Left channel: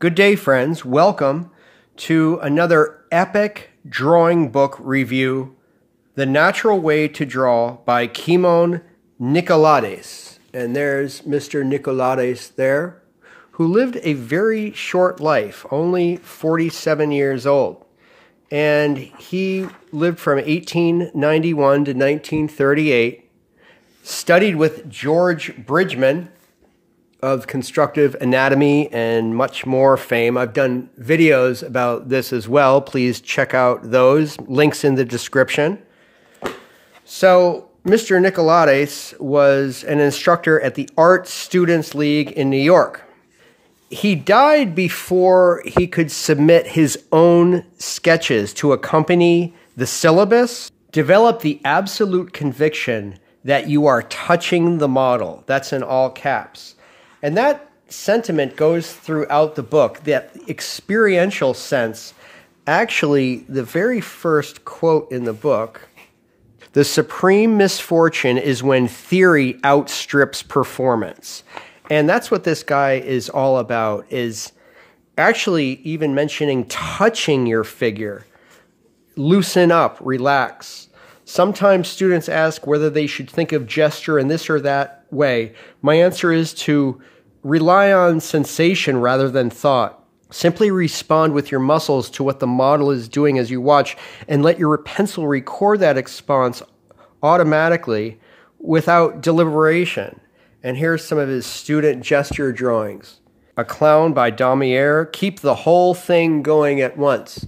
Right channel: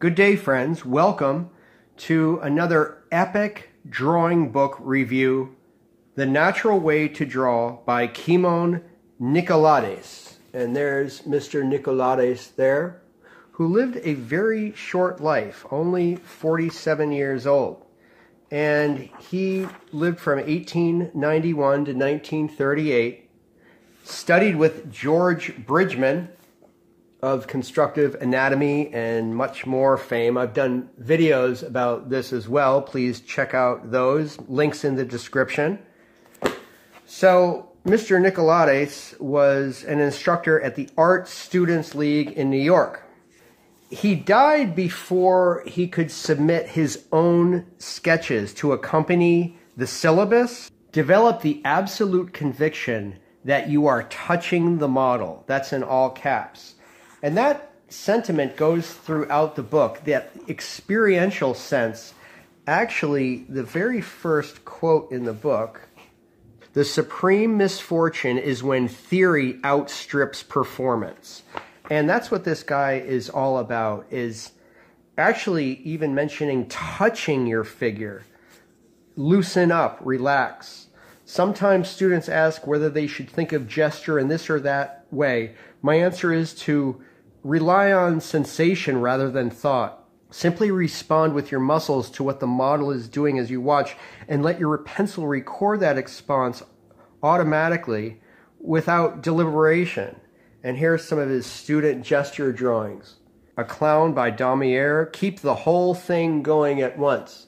Good day, friends. Welcome to another epic drawing book review, The Natural Way to Draw by Kimon Nicolaides. And there's Mr. Nicolaides there, who lived a very short life, only 47 years old. And he lived from 1891 to 1938, studied with George Bridgman of constructive anatomy and much more fame. I've done videos about this as well. Please check out those. Links in the description. So Mr. Nicolaides was an instructor at the Art Students League in New York. He died before he could submit his own sketches to accompany the syllabus. Develop the absolute conviction that you are touching the model. That's in all caps. And that sentiment goes throughout the book, that experiential sense. Actually, the very first quote in the book, "The supreme misfortune is when theory outstrips performance." And that's what this guy is all about, is actually even mentioning touching your figure. Loosen up, relax. Sometimes students ask whether they should think of gesture in this or that way. My answer is to rely on sensation rather than thought. Simply respond with your muscles to what the model is doing as you watch, and let your pencil record that response automatically without deliberation. And here's some of his student gesture drawings. A Clown by Damier. Keep the whole thing going at once.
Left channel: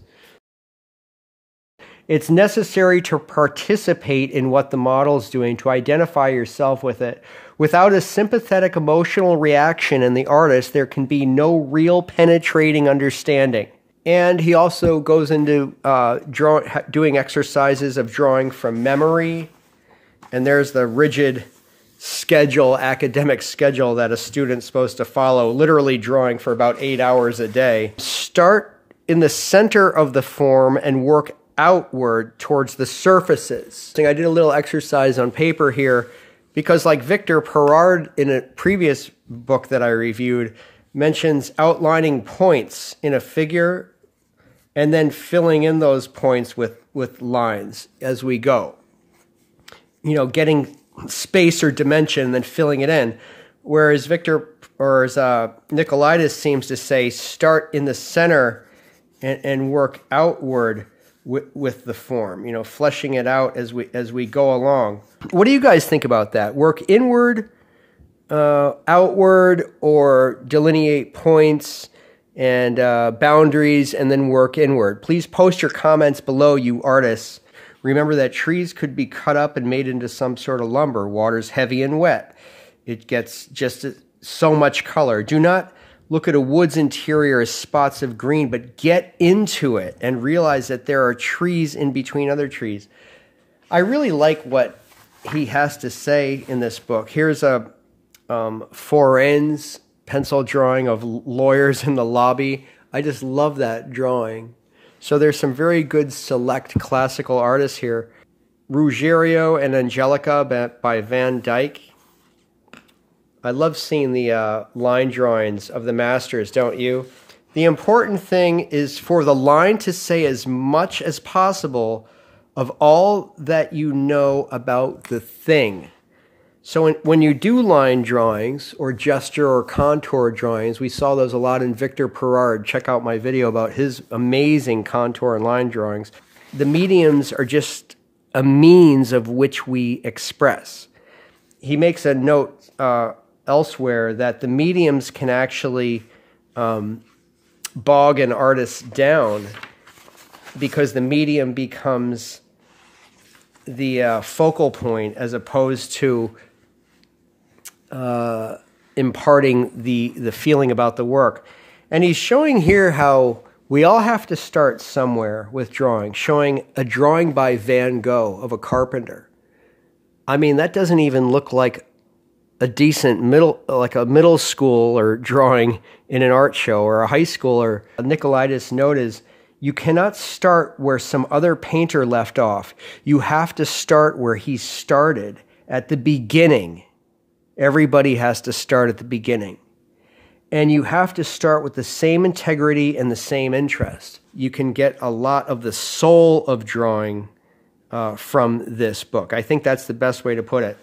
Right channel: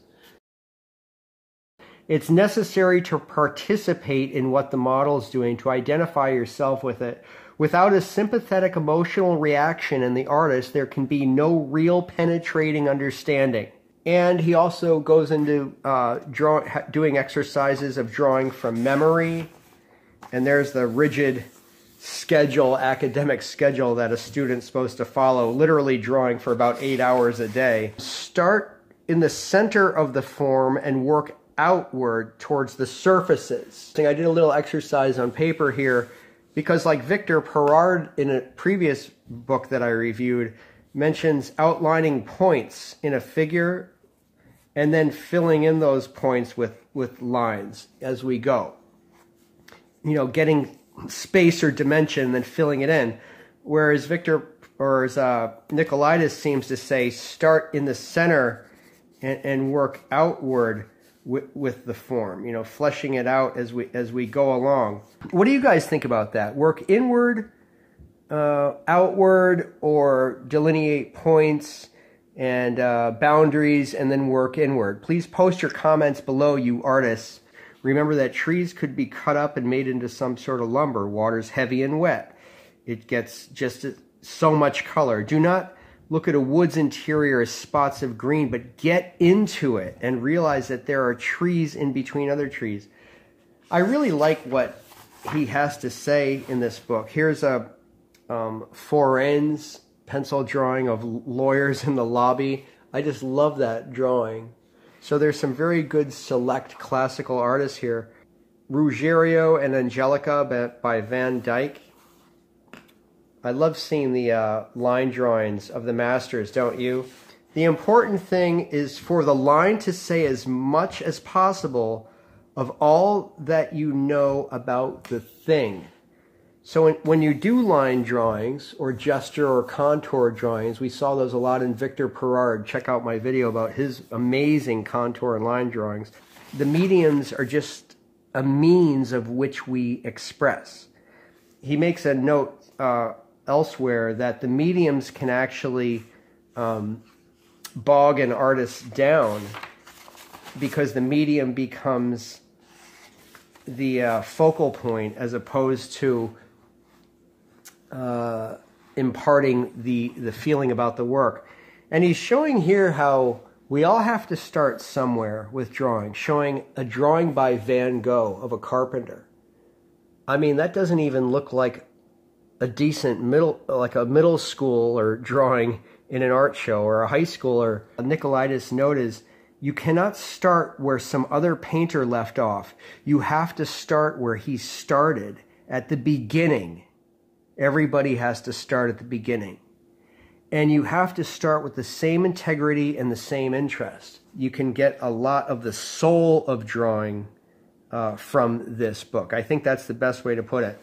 It's necessary to participate in what the model is doing, to identify yourself with it. Without a sympathetic emotional reaction in the artist, there can be no real penetrating understanding. And he also goes into doing exercises of drawing from memory. And there's the rigid schedule, academic schedule that a student's supposed to follow, literally drawing for about 8 hours a day. Start in the center of the form and work outward towards the surfaces. I did a little exercise on paper here because, like Victor Perard in a previous book that I reviewed, mentions outlining points in a figure and then filling in those points with lines as we go. You know, getting space or dimension and then filling it in. Whereas Nicolaides seems to say, start in the center and work outward with the form, you know, fleshing it out as we go along. What do you guys think about that? Work inward, outward, or delineate points and boundaries and then work inward? Please post your comments below, you artists. Remember that trees could be cut up and made into some sort of lumber. Water's heavy and wet. It gets just so much color. Do not look at a wood's interior as spots of green, but get into it and realize that there are trees in between other trees. I really like what he has to say in this book. Here's a foren's pencil drawing of lawyers in the lobby. I just love that drawing. So there's some very good select classical artists here. Ruggiero and Angelica by Van Dyck. I love seeing the line drawings of the masters, don't you? The important thing is for the line to say as much as possible of all that you know about the thing. So when you do line drawings or gesture or contour drawings, we saw those a lot in Victor Perard. Check out my video about his amazing contour and line drawings. The mediums are just a means of which we express. He makes a note elsewhere that the mediums can actually bog an artist down because the medium becomes the focal point as opposed to imparting the feeling about the work. And he's showing here how we all have to start somewhere with drawing, showing a drawing by Van Gogh of a carpenter. I mean, that doesn't even look like a decent middle school or drawing in an art show or a high schooler. Nicolaides' note is, you cannot start where some other painter left off. You have to start where he started, at the beginning. Everybody has to start at the beginning. And you have to start with the same integrity and the same interest. You can get a lot of the soul of drawing from this book. I think that's the best way to put it.